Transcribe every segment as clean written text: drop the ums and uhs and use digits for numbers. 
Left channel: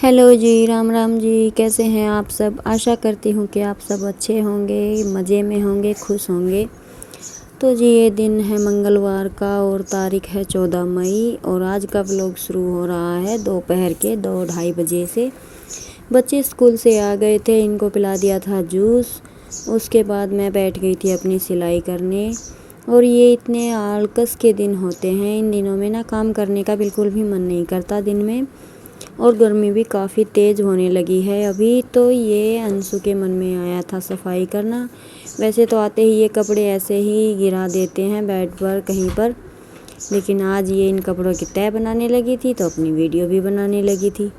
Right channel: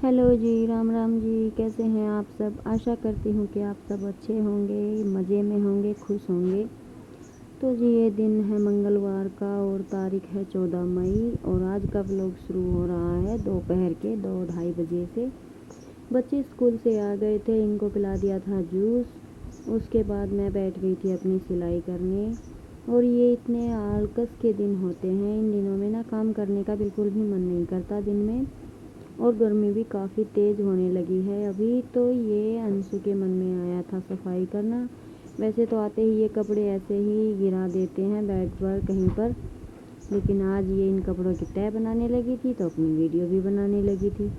Hello जी, राम राम जी। कैसे हैं आप सब? आशा करती हूँ कि आप सब अच्छे होंगे, मज़े में होंगे, खुश होंगे। तो जी ये दिन है मंगलवार का और तारीख है 14 मई और आज का व्लॉग शुरू हो रहा है दोपहर के 2-2:30 बजे से। बच्चे स्कूल से आ गए थे, इनको पिला दिया था जूस। उसके बाद मैं बैठ गई थी अपनी सिलाई करने। और ये इतने आलकस के दिन होते हैं, इन दिनों में ना काम करने का बिल्कुल भी मन नहीं करता दिन में। और गर्मी भी काफ़ी तेज़ होने लगी है अभी। तो ये अंशु के मन में आया था सफाई करना। वैसे तो आते ही ये कपड़े ऐसे ही गिरा देते हैं बेड पर कहीं पर, लेकिन आज ये इन कपड़ों की तह बनाने लगी थी तो अपनी वीडियो भी बनाने लगी थी।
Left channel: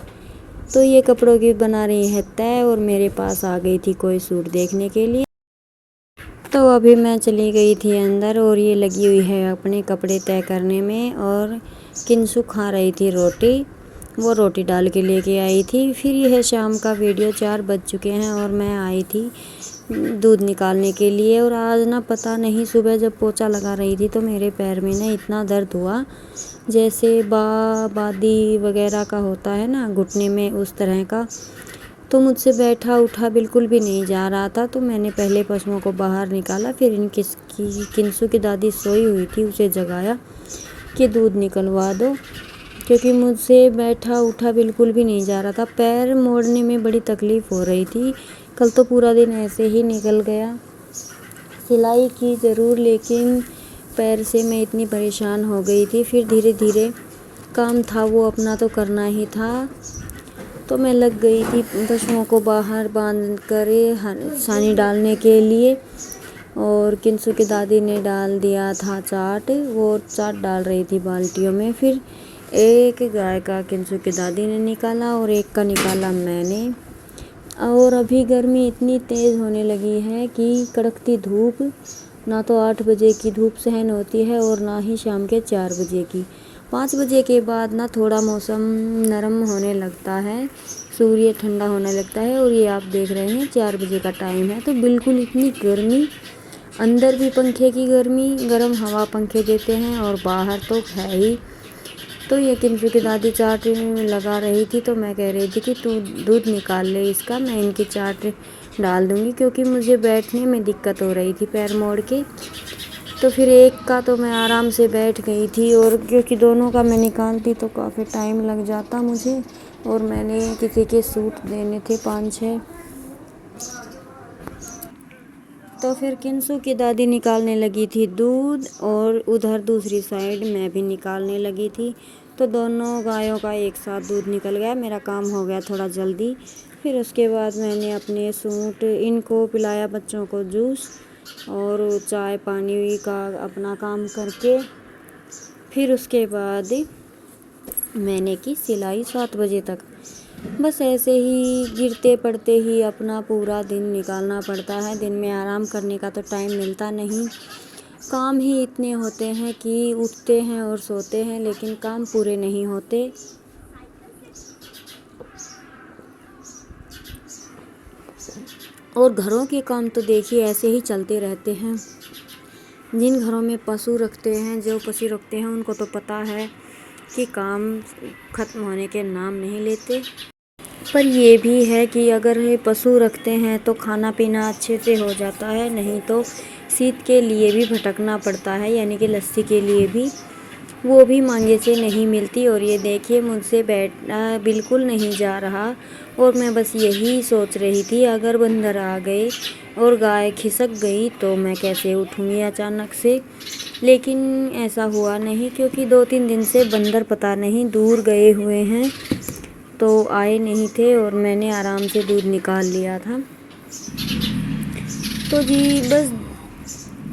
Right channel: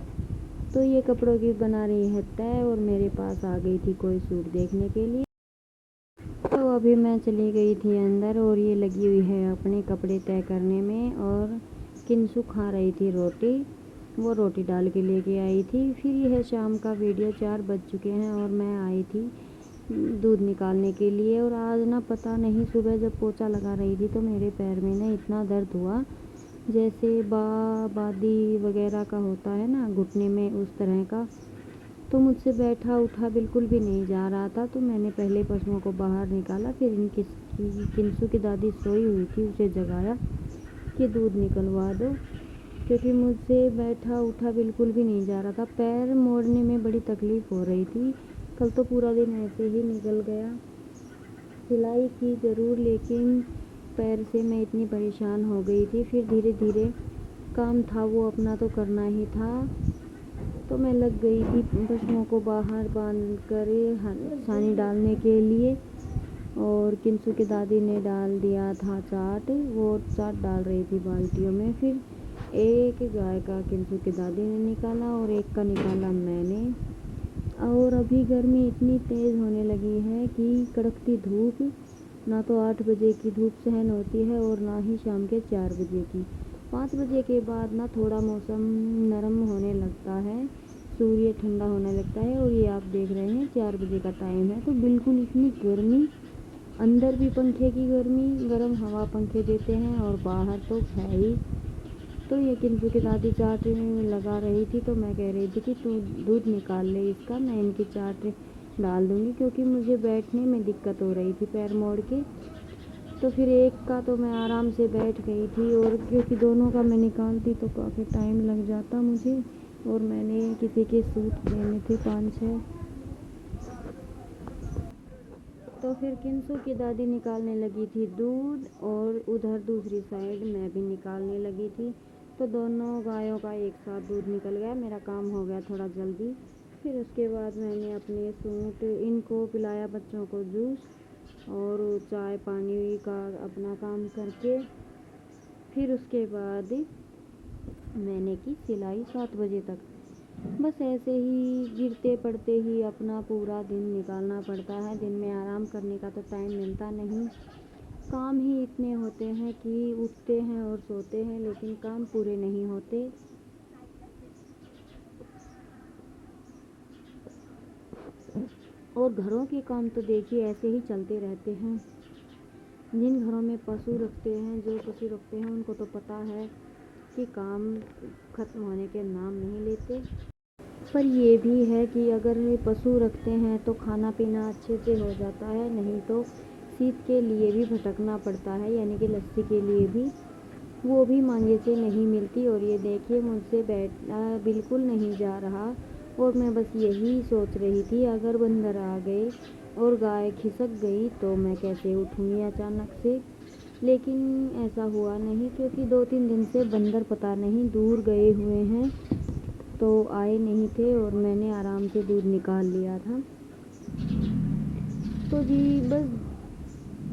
तो ये कपड़ों की बना रही है तह और मेरे पास आ गई थी कोई सूट देखने के लिए। तो अभी मैं चली गई थी अंदर और ये लगी हुई है अपने कपड़े तय करने में। और किंसु खा रही थी रोटी, वो रोटी डाल के लेके आई थी। फिर यह शाम का वीडियो 4 बज चुके हैं और मैं आई थी दूध निकालने के लिए। और आज ना पता नहीं सुबह जब पोछा लगा रही थी तो मेरे पैर में ना इतना दर्द हुआ जैसे बादी वगैरह का होता है ना घुटने में, उस तरह का। तो मुझसे बैठा उठा बिल्कुल भी नहीं जा रहा था। तो मैंने पहले पशुओं को बाहर निकाला, फिर किंसु की दादी सोई हुई थी उसे जगाया कि दूध निकलवा दो, क्योंकि मुझसे बैठा उठा बिल्कुल भी नहीं जा रहा था। पैर मोड़ने में बड़ी तकलीफ़ हो रही थी। कल तो पूरा दिन ऐसे ही निकल गया। सिलाई की ज़रूर, लेकिन पैर से मैं इतनी परेशान हो गई थी। फिर धीरे धीरे काम था वो अपना तो करना ही था। तो मैं लग गई थी पशुओं को बाहर बांध कर सानी डालने के लिए। और किंसु की दादी ने डाल दिया था चाट, वो चाट डाल रही थी बाल्टियों में। फिर एक गाय का किंसु की दादी ने निकाला और एक का निकाला मैंने। और अभी गर्मी इतनी तेज़ होने लगी है कि कड़कती धूप, ना तो 8 बजे की धूप सहन होती है और ना ही शाम के 4 बजे की। 5 बजे के बाद ना थोड़ा मौसम नरम होने लगता है, सूर्य ठंडा होने लगता है। और ये आप देख रहे हैं 4 बजे का टाइम है तो बिल्कुल इतनी गर्मी, अंदर भी पंखे की गर्मी, गर्म हवा पंखे देते हैं और बाहर तो है ही। तो ये किंसु की दादी चाट लगा रही थी तो मैं कह रही थी कि तू दूध निकाल ले इसका, मैं इनकी चाट डाल दूँगी, क्योंकि मुझे बैठने में दिक्कत हो रही थी पैर मोड़ के। तो फिर एक का तो मैं आराम से बैठ गई थी, और क्योंकि दोनों का मैं निकालती तो काफ़ी टाइम लग जाता मुझे। और मैंने किसी के सूट देने थे 5-6। तो फिर किंसु की दादी निकालने लगी थी दूध और उधर दूसरी साइड मैं भी निकालने लगी थी। तो दोनों गायों का एक साथ दूध निकल गया, मेरा काम हो गया थोड़ा जल्दी। फिर उसके बाद मैंने अपने सूट इनको पिलाया, बच्चों को जूस और चाय पानी का अपना काम करके फिर उसके बाद मैंने की सिलाई 7 बजे तक। बस ऐसे ही गिरते पड़ते ही अपना पूरा दिन निकालना पड़ता है। दिन में आराम करने का तो टाइम मिलता नहीं। काम ही इतने होते हैं कि उठते हैं और सोते हैं, लेकिन काम पूरे नहीं होते। और घरों के काम तो देखिए ऐसे ही चलते रहते हैं। जिन घरों में पशु रखते हैं, जो पशु रखते हैं, उनको तो पता है कि काम ख़त्म होने के नाम नहीं लेते। पर ये भी है कि अगर पशु रखते हैं तो खाना पीना अच्छे से हो जाता है, नहीं तो शीत के लिए भी भटकना पड़ता है, यानी कि लस्सी के लिए भी, वो भी मांगे से नहीं मिलती। और ये देखिए मुझसे बैठना बिल्कुल नहीं जा रहा। और मैं बस यही सोच रही थी अगर बंदर आ गए और गाय खिसक गई तो मैं कैसे उठूँगी अचानक से। लेकिन ऐसा हुआ नहीं, क्योंकि 2-3 दिन से बंदर पता नहीं दूर गए हुए हैं तो आए नहीं थे और मैंने आराम से दूध निकाल लिया था। तो जी बस,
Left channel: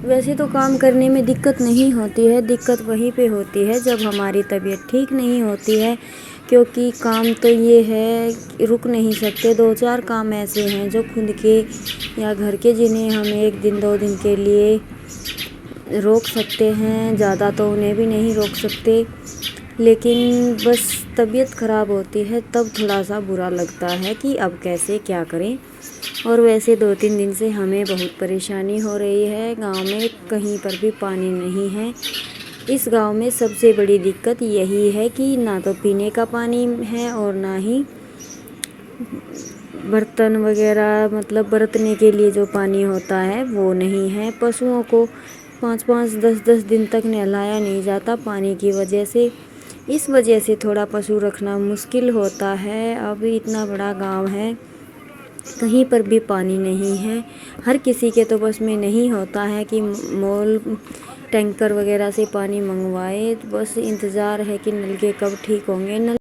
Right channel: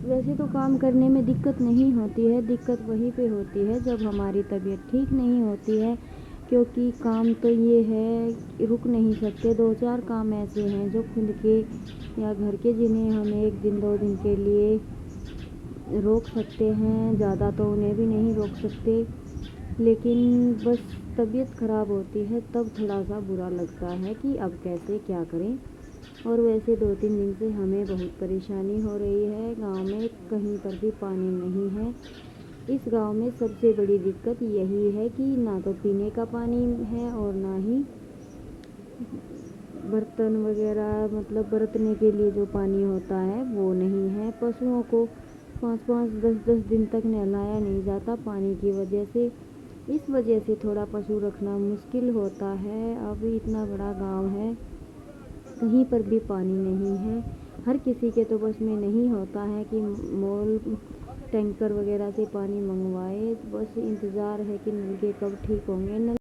वैसे तो काम करने में दिक्कत नहीं होती है, दिक्कत वहीं पे होती है जब हमारी तबीयत ठीक नहीं होती है। क्योंकि काम तो ये है रुक नहीं सकते। 2-4 काम ऐसे हैं जो खुद के या घर के, जिन्हें हम 1 दिन 2 दिन के लिए रोक सकते हैं, ज़्यादा तो उन्हें भी नहीं रोक सकते। लेकिन बस तबीयत ख़राब होती है तब थोड़ा सा बुरा लगता है कि अब कैसे क्या करें। और वैसे 2-3 दिन से हमें बहुत परेशानी हो रही है। गांव में कहीं पर भी पानी नहीं है। इस गांव में सबसे बड़ी दिक्कत यही है कि ना तो पीने का पानी है और ना ही बर्तन वगैरह मतलब बरतने के लिए जो पानी होता है वो नहीं है। पशुओं को 5-5 10-10 दिन तक नहलाया नहीं जाता पानी की वजह से। इस वजह से थोड़ा पशु रखना मुश्किल होता है। अब इतना बड़ा गांव है, कहीं पर भी पानी नहीं है। हर किसी के तो बस में नहीं होता है कि मॉल टैंकर वगैरह से पानी मंगवाए। बस इंतज़ार है कि नल के कब ठीक होंगे। नल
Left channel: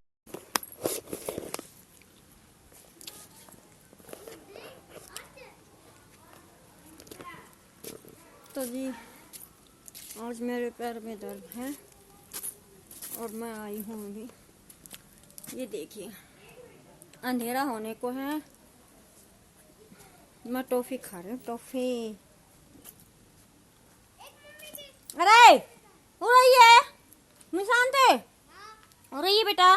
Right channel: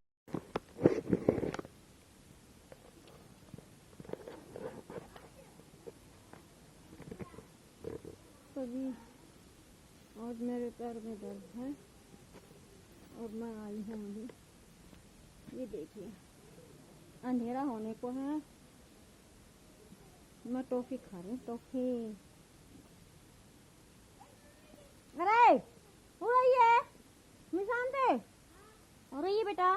तो जी आज मेरे पैर में दर्द है और मैं आई हूँ अभी। ये देखिए अंधेरा होने को है, मैं टॉफ़ी खा रही हूँ, टॉफ़ी। अरे हो रही है निशान थे, हो रही है बेटा।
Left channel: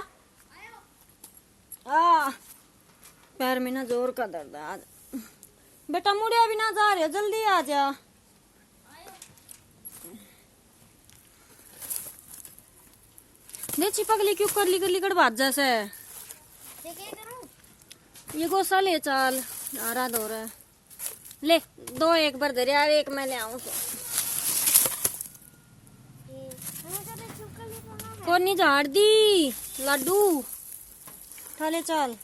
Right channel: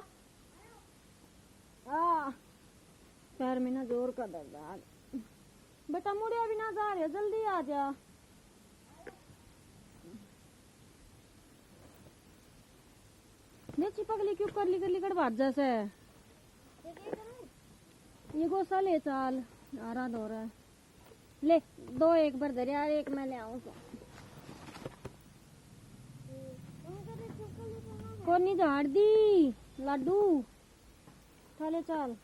पैर में ना जोर का दर्द है आज। बेटा मुड़े भी ना जा रहे, जल्दी आ जा। चिपकली क्यों करली करली कर बात जैसे ये गोसा ले चाल आ रहा दो रहा ले 2 एक बार दे यार, एक मैं ले आऊं तो कौन नहीं झाड़ दी लाडू ठाले चाल।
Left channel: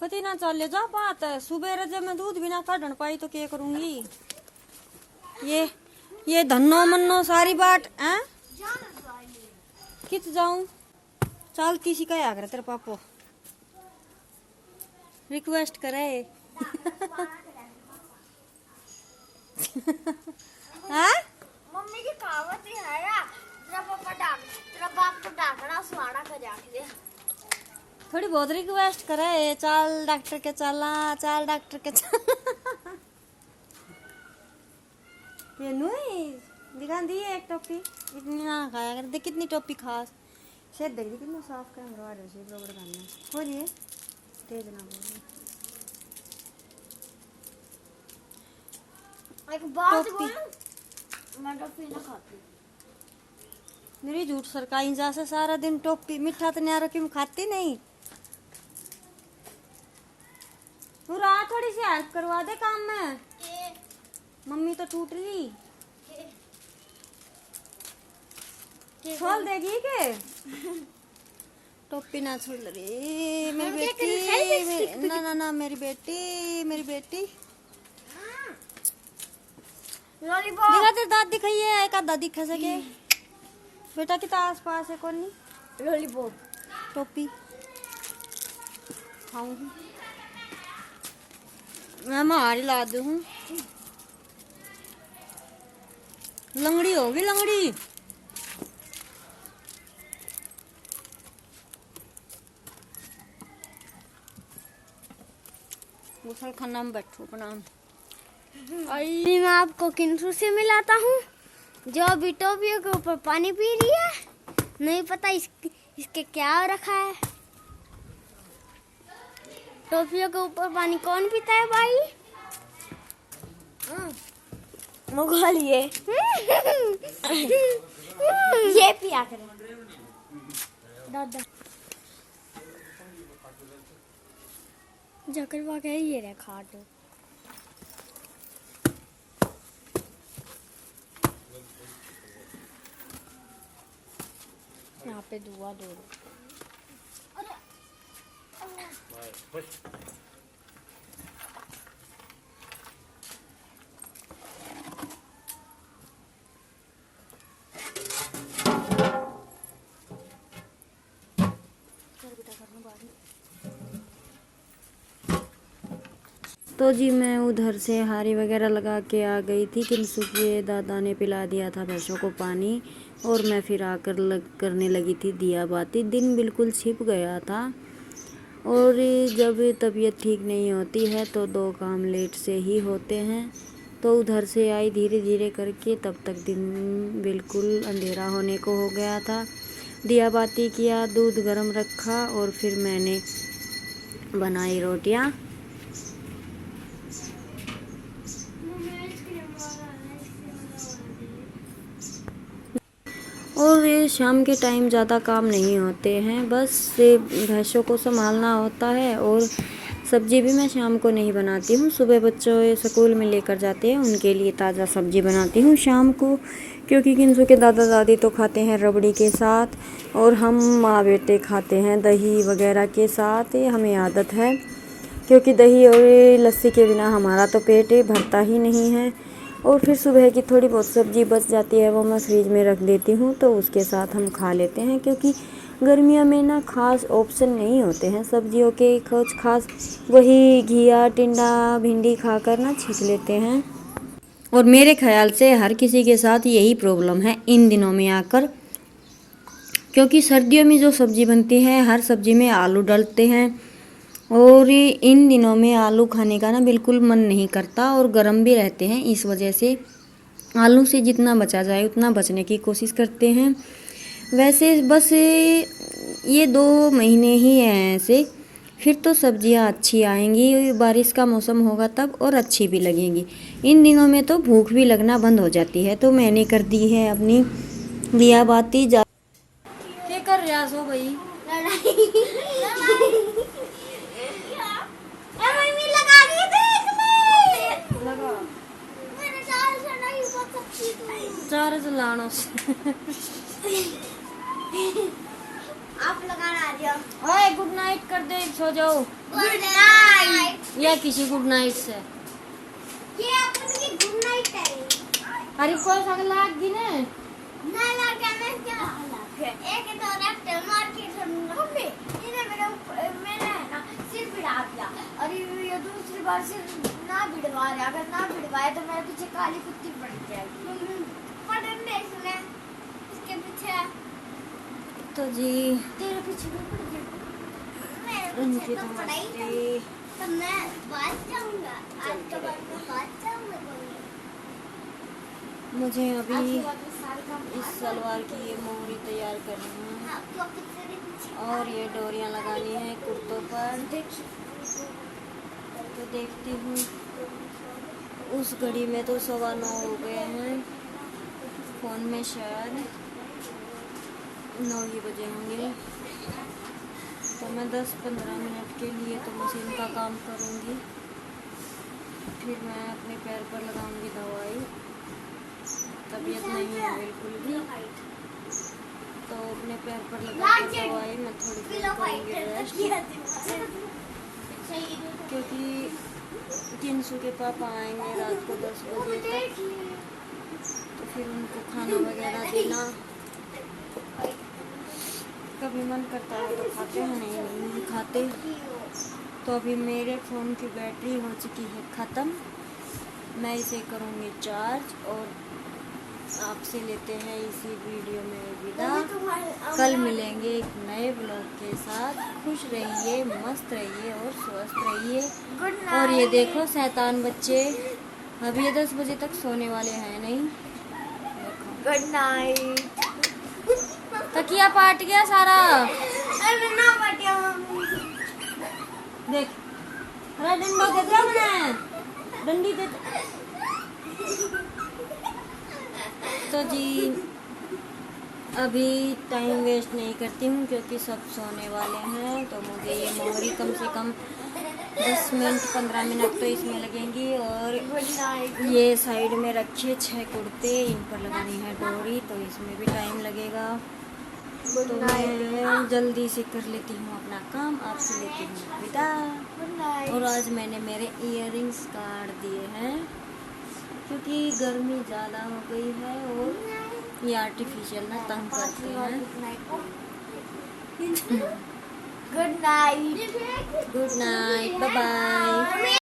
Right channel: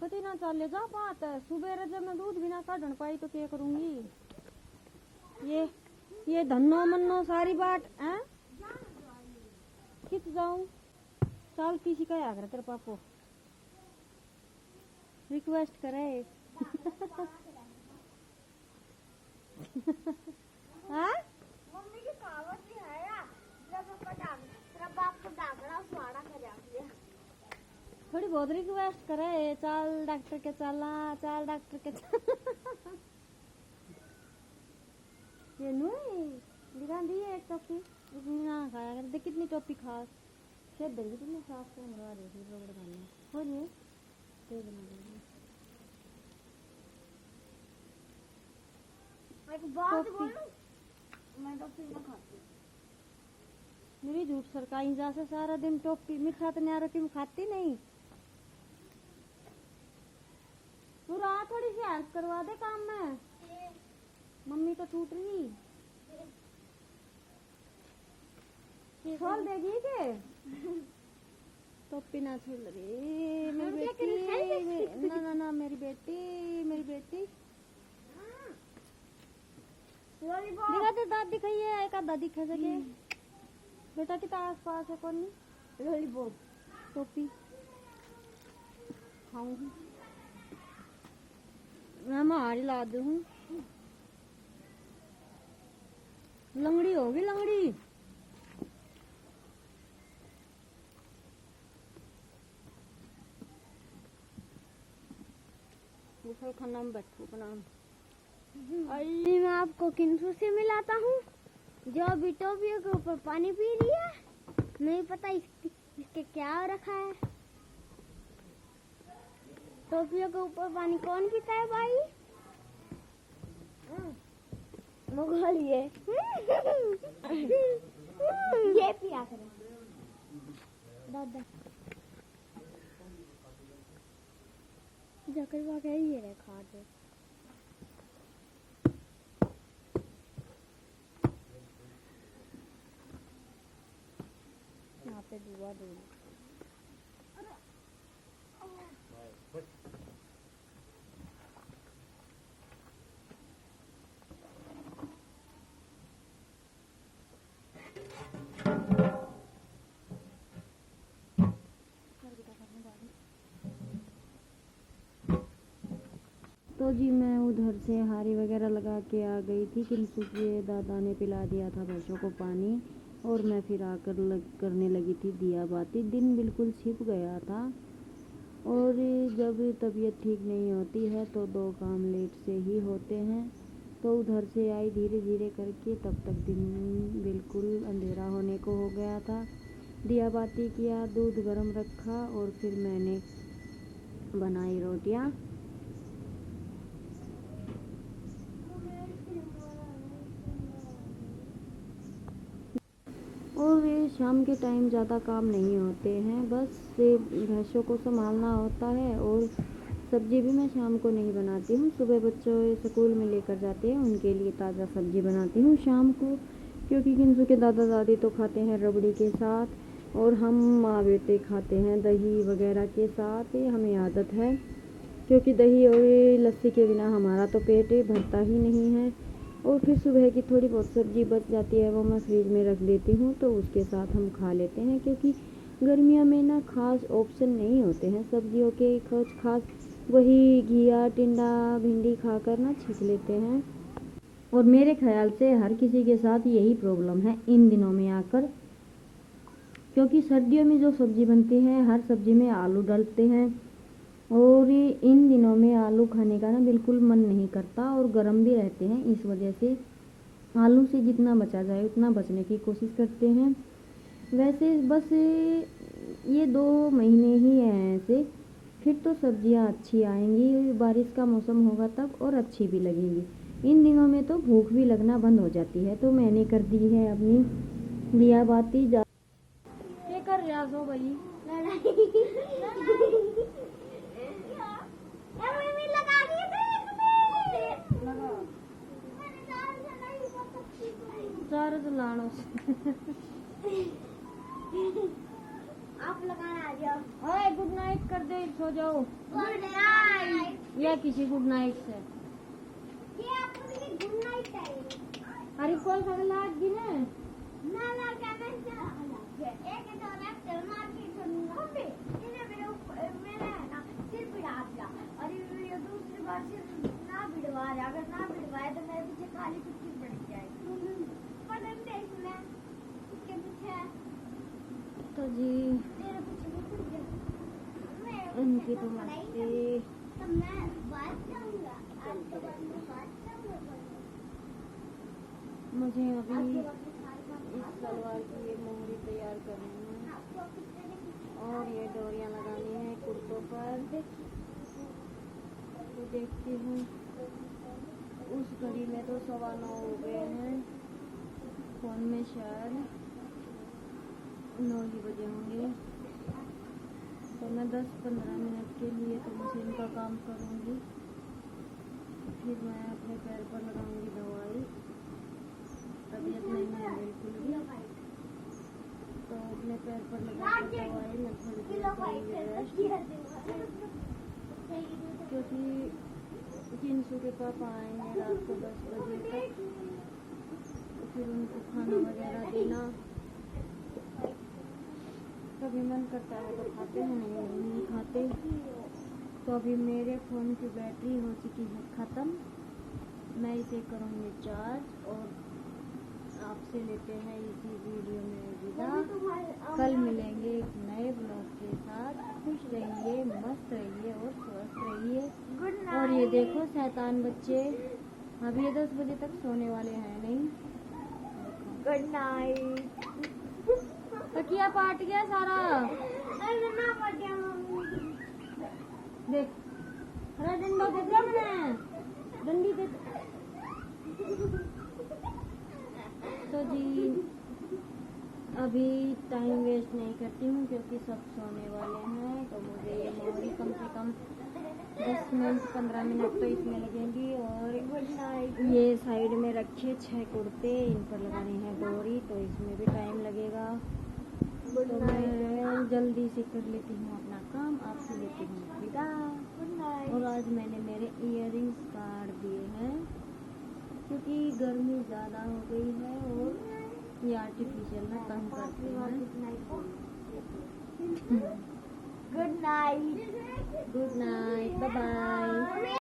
कति ना चल ले जा बात है, सुबह जब मैं दूध भी ना काढ़ पाई तो क्या करूंगी। ये धन्नो मन्नो सारी बाट हैं कित जाऊं। चलती सी क्या करे तेरे पापो रिक्वेस्ट करे हाँ मम्मी की कहावत ही है यार, तेरा बाप को डाकना सुहाना का जाके दे। थोड़ी बहुत रिक्वेस्ट करे चल डॉक्टर के चला, चल डॉक्टर के चल। ये नुई दिखा दी एक टोपी इतनी ना खाया कर, देख कितनी टोपी खास शेर देख दी कितनी साफ कर मरवा रहे शेर रबड़ खाने हो जी तेज ना बोल। एक बात बोलूं, मैं टॉफी ना खाती। मेरी झूठ सरकाई जा से सारा दिन टोपी मीठा तो नहीं रखी, मैं खाती नहीं। पूरा थोड़ी सी हेल्प करवा दे काम में, मम्मी तो टूट रही खोल देगी के टोपी ना छोड़ रही मेरी बेटी। ना ना ना मेरी बेटी लॉलीपॉप दिखा तेरे दांत दिखाइए, एक आधा दिखा सके बेटा कितना आस पास है कौन नहीं। लॉलीपॉप टोपी खाऊंगी मैं, मारी ला दूँ लंगड़ी होगी लंगड़ी। गुसल खाना में बैठू प्रणाम। अभी मैं आपको किंतु से मिलाता हूँ जो अभी टोपियों के ऊपर पानी पी रही है। नहीं पता इसके क्या हो रखा है। टोपियों के ऊपर पानी कौन पीता है भाई? मुगल ये पिया करे दादा जाकर वाके ये रे खाट। यहाँ पे दुआ दो तो जी मैं उधर से हारी वगैरह लगा के आ गई थी। किंसु के दादा ने पिला दिया था भैंसों को पानी और मैं फिर आकर करने लगी थी दिया बाती। दिन बिल्कुल छिप गया था और जब तबीयत ठीक नहीं होती है तो 2 काम लेट से ही होते हैं। तो उधर से आई धीरे धीरे करके, तब तक दिन बिल्कुल अंधेरा होने को हो गया था। दिया बाती किया, दूध गर्म रखा और फिर मैंने बनाई रोटियां। ये शाम के टाइम ज़्यादा काम नहीं होते हैं, बस ये भैंसों को संभालना होता है। और सब्जी भी मैं शाम को नहीं बनाती हूँ, सुबह बच्चों स्कूल में लेकर जाते हैं, उनके लिए ताज़ा सब्जी बनाती हूँ शाम को। क्योंकि किंसू के दादा दादी तो खाते हैं रबड़ी के साथ, और हम माँ बेटे खाते हैं दही वगैरह के साथ। ये हमें आदत है, क्योंकि दही और लस्सी के बिना हमारा तो पेट भरता ही नहीं है। और फिर सुबह की थोड़ी बहुत सब्ज़ी बच जाती है, वो मैं फ्रिज में रख देती हूँ, तो उसके साथ हम खा लेते हैं। क्योंकि गर्मियों में ना खास ऑप्शन नहीं होते हैं सब्जियों के, कुछ खास वही घिया टिंडा भिंडी खाकर ना छींक लेते हैं। और मेरे ख्याल से हर किसी के साथ यही प्रॉब्लम है इन दिनों में आकर। क्योंकि सर्दियों में जो सब्ज़ी बनती है, हर सब्ज़ी में आलू डालते हैं, और इन दिनों में आलू खाने का ना बिल्कुल मन नहीं करता, और गर्म भी रहते हैं। इस वजह से आलू से जितना बचा जाए उतना बचने की कोशिश करते हैं। वैसे बस ये 2 महीने ही हैं ऐसे, फिर तो सब्जियां अच्छी आएंगी, बारिश का मौसम होगा तब, और अच्छी भी लगेंगी। इन दिनों में तो भूख भी लगना बंद हो जाती है। तो मैंने कर दी है अपनी दिया बाती। क्या कर रहे हो भाई? चार्ज लाना से आप लगाना आ जाओ। ओए गुड नाइट कर दे, सो जाओ। Good night. या किसी गुड नाइट से ये अपनी गुड नाइट है। अरे कोई साग लाग दी ने ना ना क्या एक तो लेफ्ट मार के हमें इन्हें मेरे है ना सिर भिड़ा दिया, और ये दूसरी बार सिर ना भिड़वा रहा, अगर ना भिड़वाए तो मेरे पीछे काली कुत्ती पड़ जाएगी। पड़ने सुने इसके पीछे तो जी तेरे पीछे भी पड़ जाएगी। उनकी तो मस्ती। तो मैं बात जाऊंगा आज के बाद में बात जाऊंगा। मुझे अभी इस सलवार की ये मोहरी तैयार करनी है, और ये डोरियां लगानी है कुर्तों पर। तो देखती हूँ, उस घड़ी में तो 9:15 हो गए हैं, फ़ोन में शायद 9 ही बजे होंगे। तो मैं 10-15 मिनट के लिए तो मशीन का काम करूँगी, फिर मैं अपने पैर पर लगाऊंगी दवाई। तबीयत नहीं है बिल्कुल भी, तो अपने पैर पर लगा के दवाई मैं थोड़ी देर करूँगी रेस्ट। क्योंकि किंसू के पापा आएंगे रात को 10 बजे तक, तो फिर उनको खाना वगैरह देना। कभी मन करता है तो खाते हैं, नहीं खाते। तो अभी मेरे फ़ोन की बैटरी हो चुकी है ख़त्म, मैं इसे करूँगी चार्ज, और आपसे लेते हैं इसी वीडियो में विदा। कल मिलेंगे एक नए ब्लॉग के साथ। खुश रहिए, मस्त रहिए और स्वस्थ रहिए। और ये देखो शैतान बच्चे अभी ये 10 बजे तक सोने वाले हैं नहीं। Good night. तकिया पाट गया सारा। अरे ना पटिया मम्मी। देख, अरे डंडो दे दिया मैंने, डंडी दे। तो जी अभी टाइम वेस्ट नहीं करती हूँ, क्योंकि सब सोने वाले हैं। तो मुझे ये मोहरी कम से कम 10 मिनट 15 मिनट तो इसमें लगेंगी। और ये साइड में रखे 6 कुर्ते, इन पर लगानी है डोरी, तो इसमें भी टाइम लगेगा। तो मैं जल्दी से कर लेती हूँ अपना काम, आपसे लेती हूँ विदा। और आज मैंने मेरे इयररिंग्स काट दिए हैं, क्योंकि गर्मी ज़्यादा हो गई है, और ये आर्टिफिशियल ना तंग करते हैं। Good night. Good night, bye bye.